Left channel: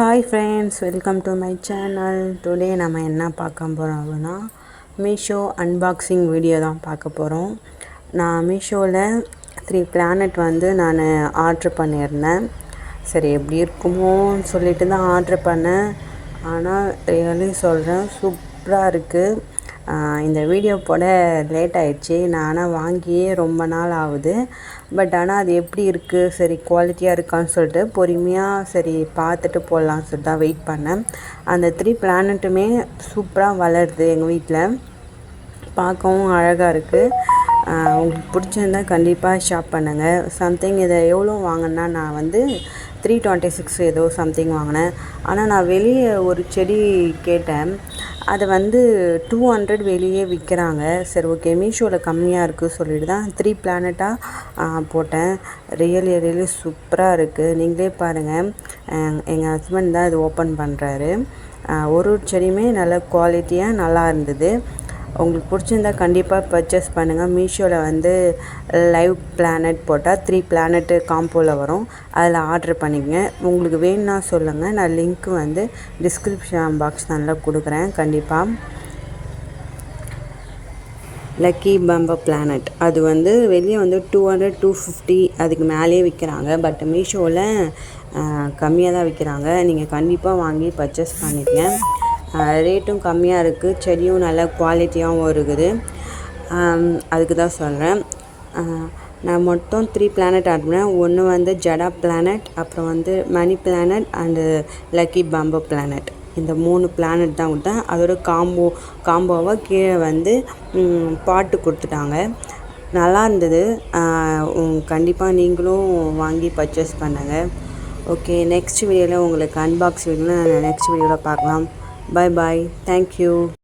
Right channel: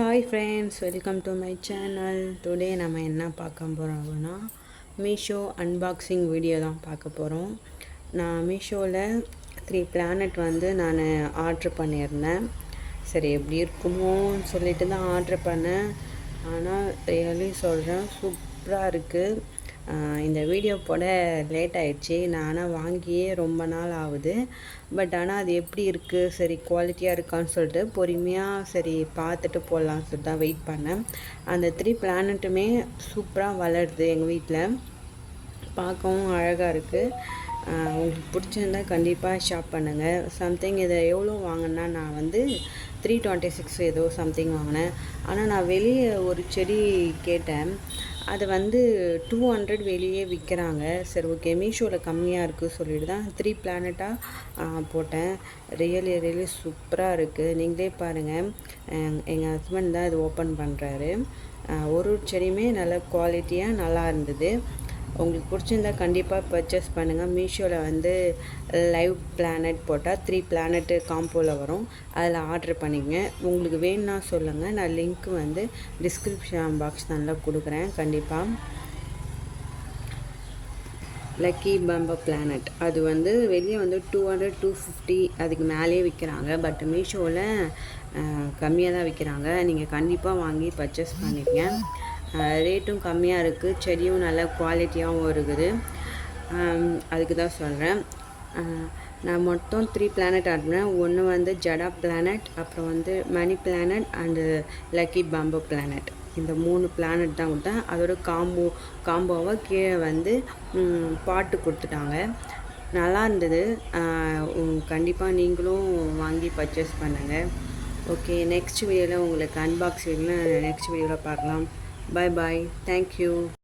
Hi friends, welcome to my channel. Today நம்ம என்ன பார்க்க போகிறோம் அப்படின்னா மீஷோ அன்பாக்சிங் வீடியோ தான் பார்க்க போகிறோம். நான் மீஷோவில் 3 பிளானட் நான் ஆர்ட்ரு பண்ணியிருந்தேன். சரி எப்படி இருக்குமோன்னு சொல்லிட்டு தான் ஆர்ட்ரு பண்ணேன். ஆனால் ரியலி சொல்கிறேன், சூப்பராக இருக்குது. இந்த வீடியோ போட லேட் ஆகிடுச்சி. நான் ஆனால் வாங்கியே ரொம்ப நாள் ஆகுது. பட் ஆனால் அது எப்படி இருக்குது, சரி குவாலிட்டியாக இருக்கான்னு சொல்லிட்டு பொறுமையாக சரி பார்த்துட்டு போடலான்னு சொல்லிட்டு தான் வெயிட் பண்ணேன். அந்த 3 பிளானட்டுமே சூப்பராக வளருது எங்கள் வீட்டில். பார்க்கவும் அழகாக இருக்குது. உங்களுக்கு பிடிச்சிருந்தா கண்டிப்பாக ஷாப் பண்ணுங்கள். சம்திங் இதை எவ்வளோ வாங்கினா நான் 326 ஏதோ சம்திங் வாங்கினேன். ஆனால் நான் வெளியே ஒரு செடி கேட்டேன். அதை 200 வெளியே விற்கிறாங்க. சரி ஓகே, மீஷோவில் கம்மியாக இருக்குது சொல்லிட்டு தான் 3 பிளானட்டாக போட்டேன். ரியலி சூப்பராக இருக்குது. நீங்களே பாருங்கள், எங்கள் ஹஸ்பண்ட் தான் இது ஓப்பன் பண்ணுறாரு. ஒரு செடியுமே நல்ல குவாலிட்டியாக நல்லா இருந்தது. உங்களுக்கு பிடிச்சிருந்தா கண்டிப்பாக பர்ச்சேஸ் பண்ணுங்கள். மீஷோவில் லைவ் பிளானட் போட்டால் 3 பிளானட்டு காம்போவில் வரும். அதில் ஆர்டர் பண்ணிக்கங்க. உங்களுக்கு வேணும்னா சொல்லுங்கள். நான் லிங்க்கு டிஸ்கிரிப்ஷன் பாக்ஸ் நல்லா கொடுக்குறேன். கண்டிப்பாக லக்கி பம்போ பிளானட் அது வெளியே 200 250 அதுக்கு மேலேயே விற்கிறாங்க. பட் மீஷோவில் கம்மியாக தான் விற்கிறாங்க. நீங்கள் கண்டிப்பாக வாங்கி பர்ச்சேஸ் பண்ணிக்கங்க. ரேட்டும் கம்மியாக இருக்குது. செடியும் நல்ல குவாலிட்டியாகவும் இருக்குது. அதுக்கு தான் சொல்கிறேன். நான் மொத்தம் 3 பிளானட் ஆட் பண்ணேன். ஒன்று ஜடா பிளானட், அப்புறம் மணி பிளானட் அண்டு லக்கி பம்போ பிளானட். இந்த 3 பிளானட் தான் கொடுத்தேன். அதோட காம்போவாக கீழே பாட்டு கொடுத்துட்டாங்க. நல்லா இருந்தது. கண்டிப்பாக நீங்களும் வாங்கி பர்ச்சேஸ் பண்ணுங்கள். ஓகே, நெக்ஸ்ட் வீடியோவில் உங்களுக்கு அன்பாக்ஸ் வீடியோவில் நெக்ஸ்ட் வீடியோவில் பார்க்கலாம். Bye bye. Thank you.